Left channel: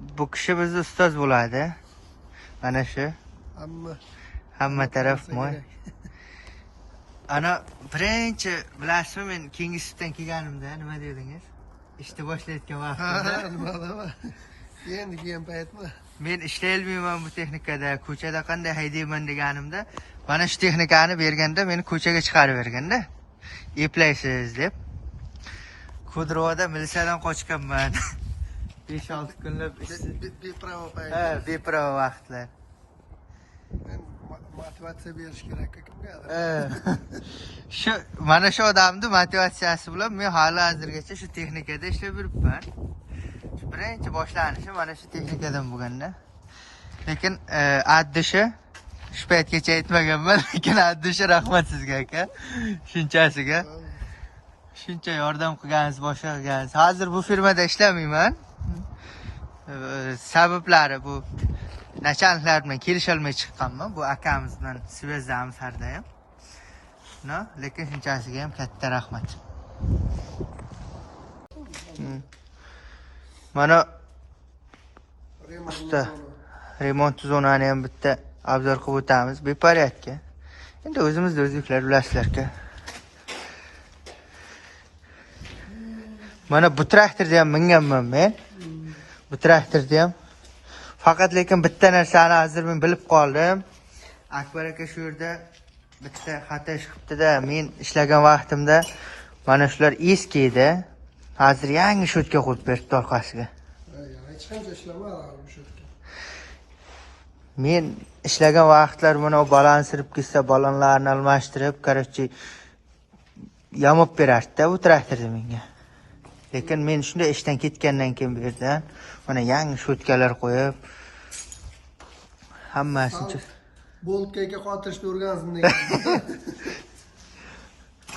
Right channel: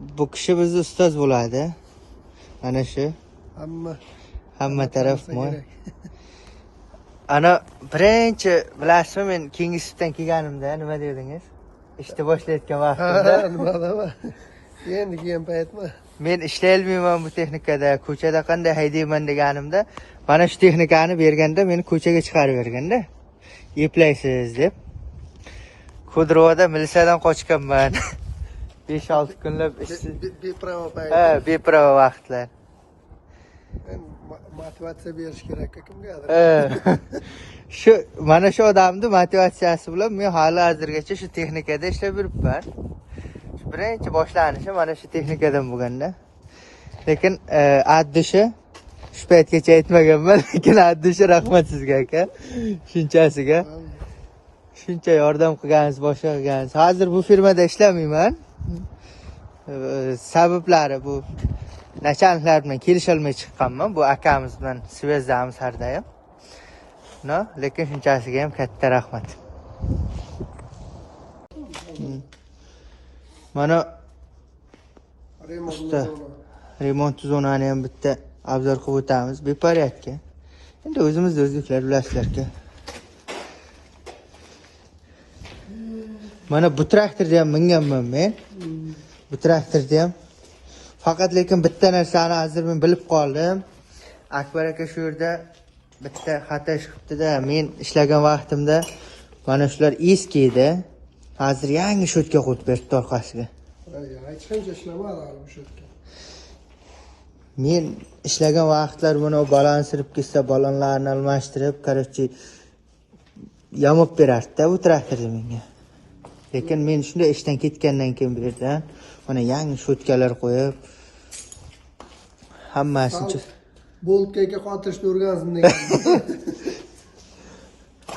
Bu kishi bizni ustoz bo'ladi. Mana shu. Hamma taraf moy. Ana birinchi bilasizmi, men keyingi sutdan kelganimda nima dedingiz? Ishni boshlayotgan vaqtimda. Nima? Endi keyin paytmi? Men ishlay olmayman bu texnikada, ko'chada qanday haydayman deganimda, mana shu texnikani berganda meni ko'chaga chiqarib berganda, eplaysiz deb. Kudrovada militsiyadan qochganman. 5-6 kunlab bepravo payt. Ha, bepravo vaqtlar. Motivatsiya berish kerak kimgadir. Shu mana shu odamni motivatsiyasi bilan men hali hozirgacha shu texnikada ishlab yuribman. Birinchi boshlanishi mana shu texnikadan bo'lganda. Lekin addishi shu paytgacha aytmaganman, lekin addishi rahmat sizga aka. Shunchasiga. Shuncha yordam qilgansiz, boshqa qilgansiz. Hozir bu firmada ishlamayman. Sabablari bu nachalniklar bilan kelisha olmay chiqqanman. Bu akamiz bilan svezdamiz har doim. No, lekin shunchasiga ham katta rahmat. Mana usta remont zonani ham bitta obzor qilib o'tamiz. Beporядка. Endi o'zimizda o'zbeklar bilasizlar-ku. Mana bu traktorda ham minganman men. Bu traktorda ham. Faqat lekin bitta narsani hozir men bilib qoldim. Akbar aka shu yerda bitta xato chiqibdi-da. Men ishlagan vaqtimda mana shular eski edi. Hozir yangi shotka qo'yib berdi orqasiga. Hech qancha ishlamadi bu shotka. Men ishlagan vaqtlar buni balon sirib ketsa, balonlarni almashtirib, короче, yamab berardi-da bu traktorda menga. Lekin men shunday ishdan ketgandan keyin bu yerdan mana yangi shotkalar qo'yib hammasini boltkaga qotirishni o'rgansin degan.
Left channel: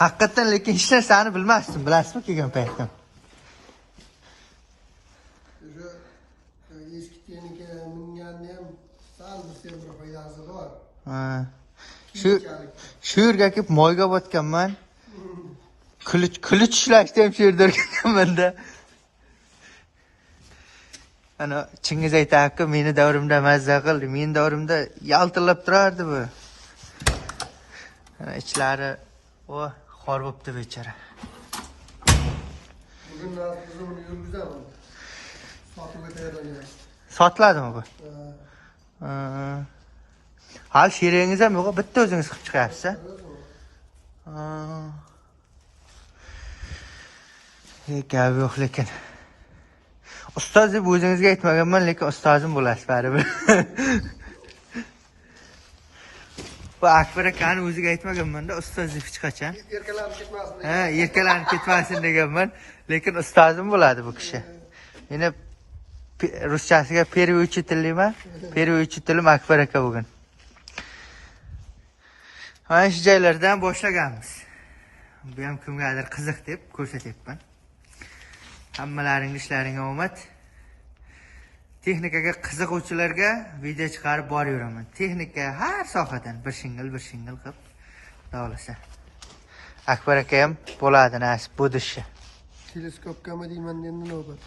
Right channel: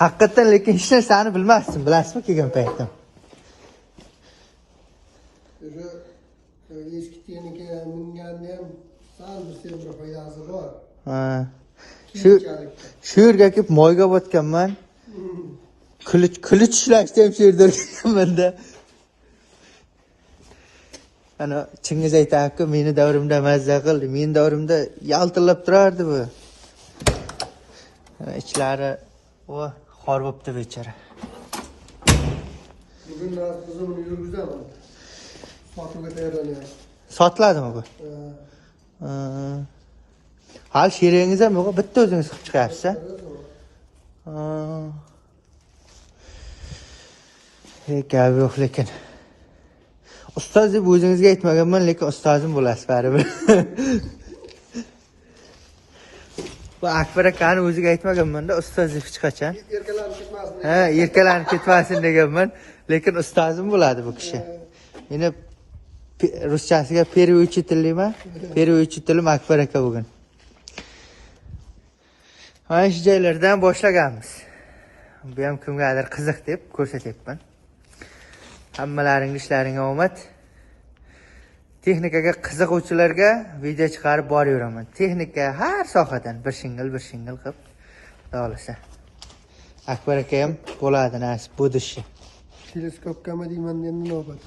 Haqiqatan lekin hech narsani bilmasdim, bilasizmi kelgan paytda. Eski texnika minganda ham sal bir semra foydasi bor. Ha. Shu yerga kelib moyga botganman. Kılıç ishlashni ham shu yerda o'rganganman-da. Ana Chingiz aytadi-ku, meni davrimda mazza qildi. Men davrimda yaltillab turardi bu. Ana ichlari xor bo'pti bechara. Bugun buni yurgizaman. Sotuvga tayyorlanyapti. Sotiladimi bu? Hal sheringiz ham yo'q, bitta o'zingiz qilib chiqyapsiz-a? Gap yo'q lekin. Ustoz deb o'zingizga aytmaganman, lekin ustozim bo'lasiz baribir. Bu Akbar akani o'ziga aytmaganman-da, ustoz deb hech qachon. Erkalanib ketmasin. Ha, erkalanib ketmasin deganman, lekin ustozim bo'ladi bu kishi. Meni ruschasiga первый учительman, первый учителim Akbar aka bugun. Mana shu joylardan boshlaganmiz. Bu ham kimgadir qiziq deb ko'rsatyapman. Hammalaring ishlaringga omad. Texnikaga qiziquvchilarga video chiqarib boraveraman. Texnika har sohadan bir shingil qilib davlasa. Akbar aka ham bo'ladi nasib bu dishi. Teleskopkami deyman endi navbat.